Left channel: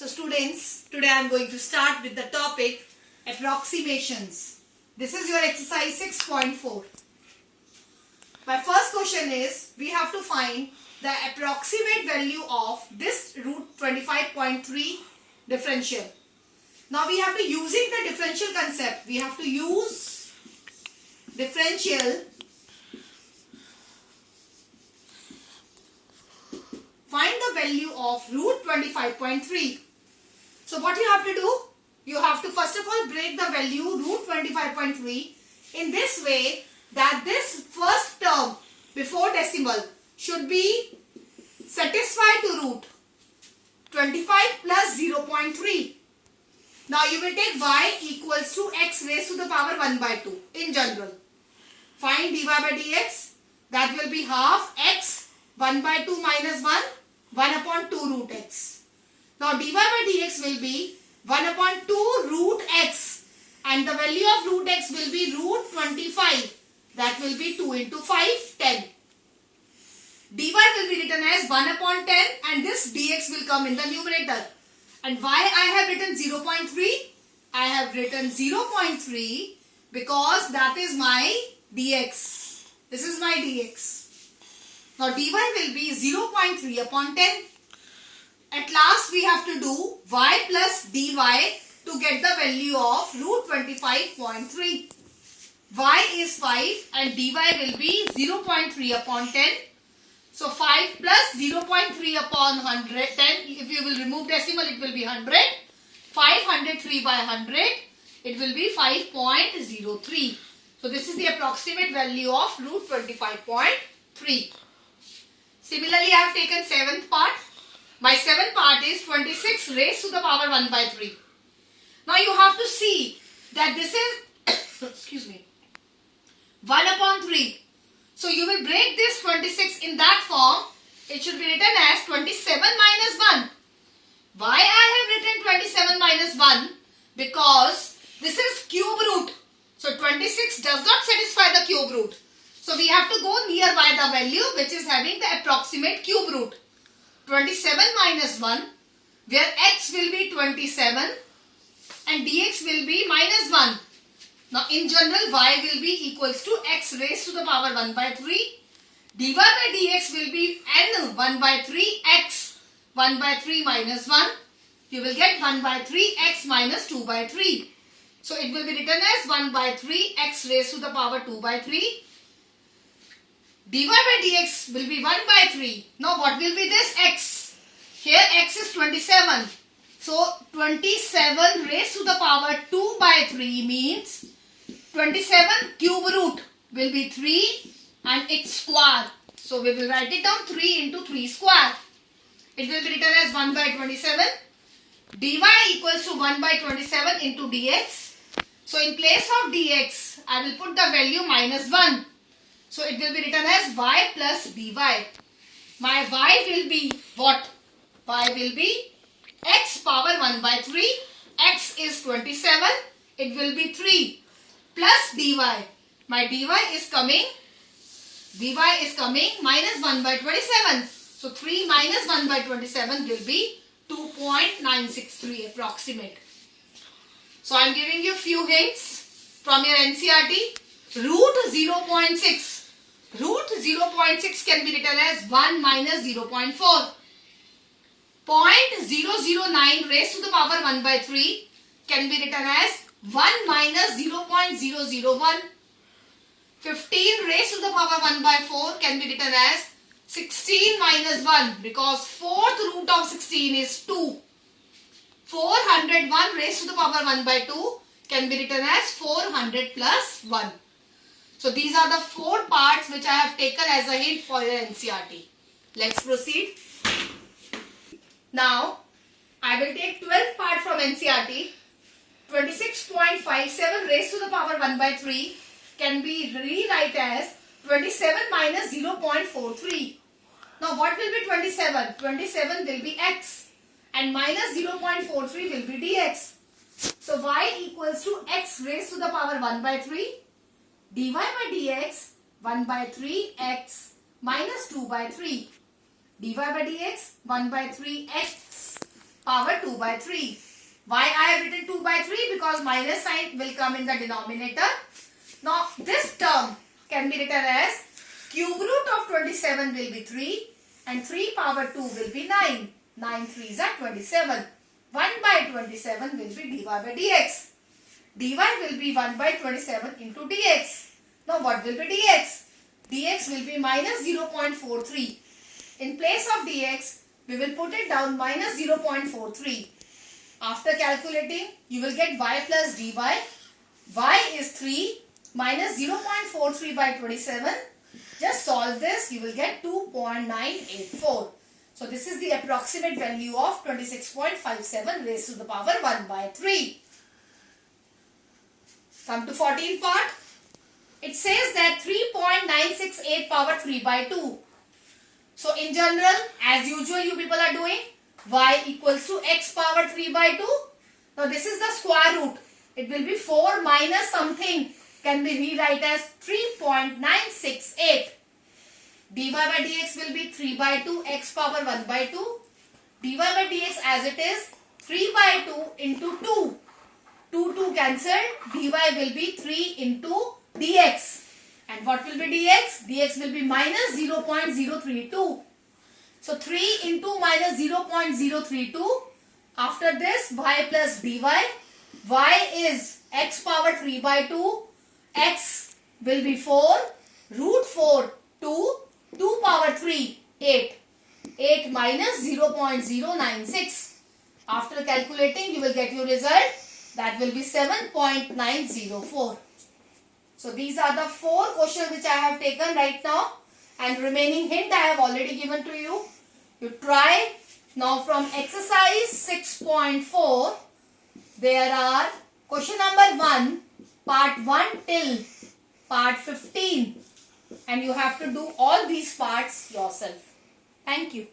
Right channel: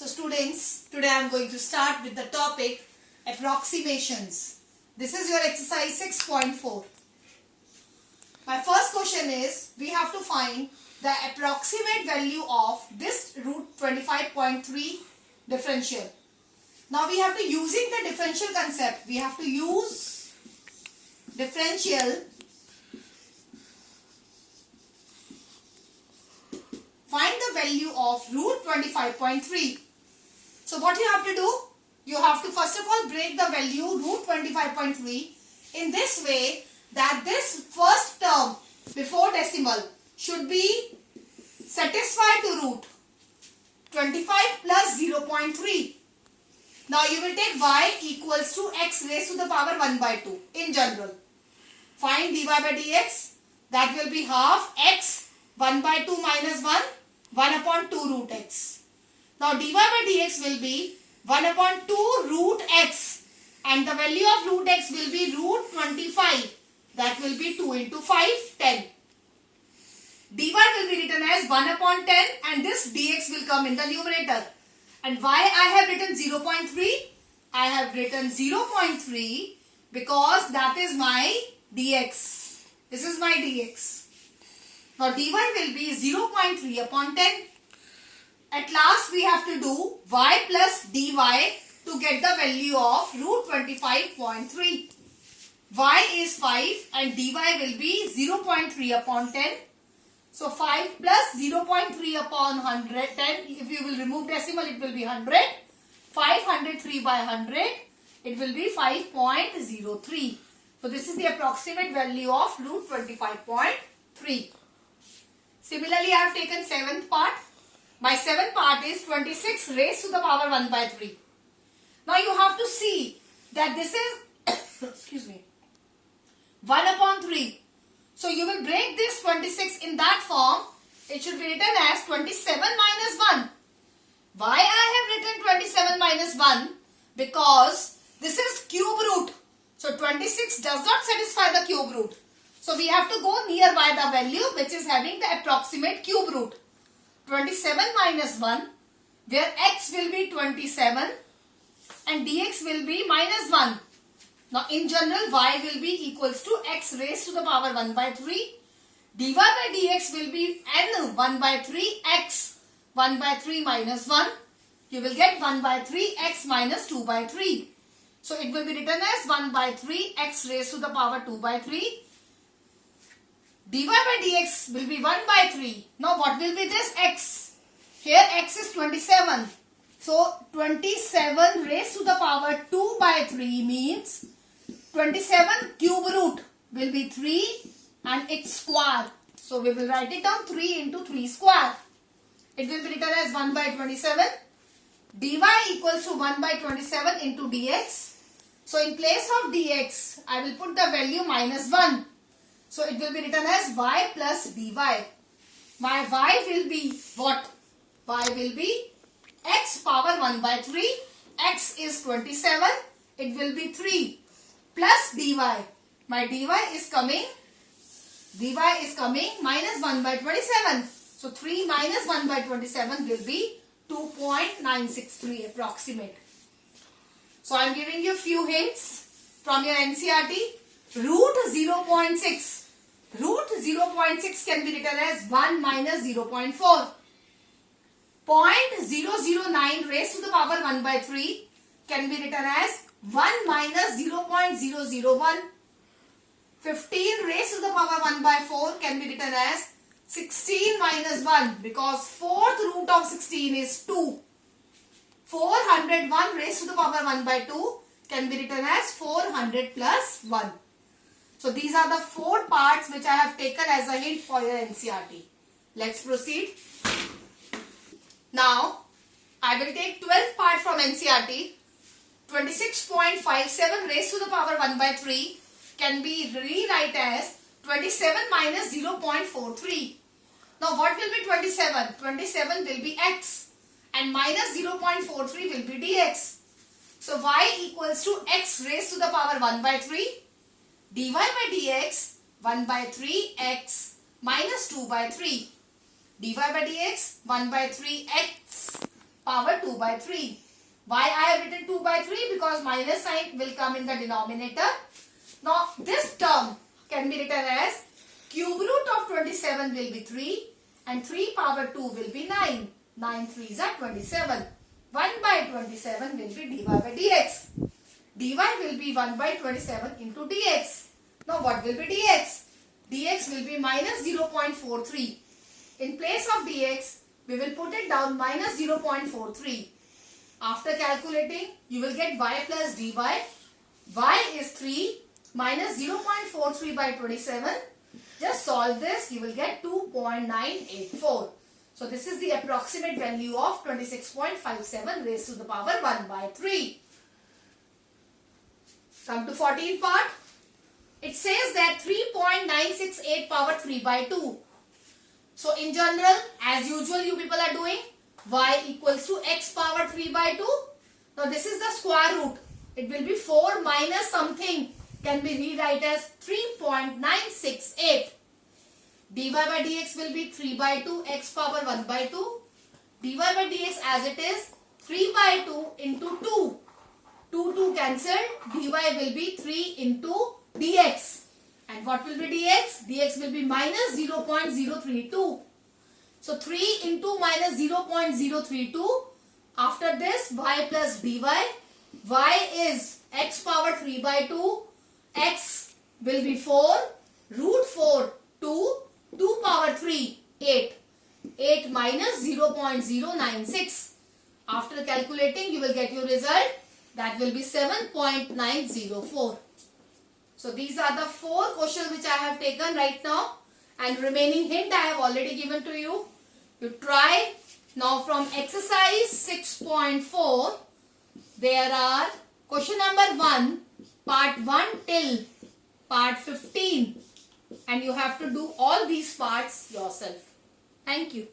So students, today I am going to start with the topic approximations. This is your exercise 6.4. My first question is, we have to find the approximate value of this root 25.3 differential. Now we have to, using the differential concept, we have to use differential. Find the value of root 25.3. So what you have to do? You have to first of all break the value root 25.3 in this way that this first term before decimal should be satisfied to root 25 plus 0.3. Now you will take y equals to x raised to the power 1 by 2 in general. Find dy by dx, that will be half x 1 by 2 minus 1 upon 2 root x. Now dy by dx will be 1 upon 2 root x and the value of root x will be root 25. That will be 2 into 5, 10. Dy will be written as 1 upon 10 and this dx will come in the numerator. And why I have written 0.3? I have written 0.3 because that is my dx. This is my dx. Now dy will be 0.3 upon 10. At last we have to do y plus dy to get the value of root 25.3. Y is 5 and dy will be 0.3 upon 10. So 5 plus 0.3 upon 110. If you will remove decimal, it will be 100. 503 by 100. It will be 5.03. So this is the approximate value of root 25.3. Similarly, I have taken 7th part. My 7th part is 26 raised to the power 1 by 3. Now you have to see that this is, excuse me, 1 upon 3. So you will break this 26 in that form. It should be written as 27 minus 1. Why I have written 27 minus 1? Because this is cube root. So 26 does not satisfy the cube root. So we have to go nearby the value which is having the approximate cube root. 27 minus 1 where x will be 27 and dx will be minus 1. Now in general y will be equals to x raised to the power 1 by 3. dy by dx will be n 1 by 3 x 1 by 3 minus 1. You will get 1 by 3 x minus 2 by 3. So it will be written as 1 by 3 x raised to the power 2 by 3. dy by dx will be 1 by 3. Now what will be this x? Here x is 27. So 27 raised to the power 2 by 3 means 27 cube root will be 3 and its square. So we will write it down 3 into 3 square. It will be written as 1 by 27. dy equals to 1 by 27 into dx. So in place of dx, I will put the value minus 1. So it will be written as y plus dy. My y will be what? Y will be x power 1 by 3. X is 27. It will be 3 plus dy. My dy is coming minus 1 by 27. So 3 minus 1 by 27 will be 2.963 approximate. So I am giving you few hints from your NCERT. Root 0.6. Root 0.6 can be written as 1 minus 0.4. 0.009 raised to the power 1 by 3 can be written as 1 minus 0.001. 15 raised to the power 1 by 4 can be written as 16 minus 1 because 4th root of 16 is 2. 401 raised to the power 1 by 2 can be written as 400 plus 1. So these are the 4 parts which I have taken as a hint for your NCERT. Let's proceed. Now I will take 12th part from NCERT. 26.57 raised to the power 1 by 3 can be rewrite as 27 minus 0.43. Now what will be 27? 27 will be x and minus 0.43 will be dx. So y equals to x raised to the power 1 by 3. dy by dx 1 by 3 x minus 2 by 3. dy by dx 1 by 3 x power 2 by 3. Why I have written 2 by 3? Because minus sign will come in the denominator. Now this term can be written as cube root of 27 will be 3 and 3 power 2 will be 9. 9 3s are 27. 1 by 27 will be dy by dx. dy will be 1 by 27 into dx. Now what will be dx? Dx will be minus 0.43. In place of dx, we will put it down minus 0.43. After calculating, you will get y plus dy. Y is 3 minus 0.43 by 27. Just solve this, you will get 2.984. So this is the approximate value of 26.57 raised to the power 1 by 3. Come to 14th part. It says that 3.968 power 3 by 2. So in general, as usual you people are doing, y equals to x power 3 by 2. Now this is the square root. It will be 4 minus something, can be rewrite as 3.968. dy by dx will be 3 by 2 x power 1 by 2. dy by dx as it is 3 by 2 into 2. 2 cancelled. dy will be 3 into dx. And what will be dx? Dx will be minus 0.032. So 3 into minus 0.032. After this, y plus dy. Y is x power 3 by 2. X will be 4. Root 4, 2. 2 power 3, 8. 8 minus 0.096. After calculating, you will get your result. That will be 7.904. So these are the 4 questions which I have taken right now. And remaining hint I have already given to you. You try. Now from exercise 6.4, there are question number 1, part 1 till part 15. And you have to do all these parts yourself. Thank you.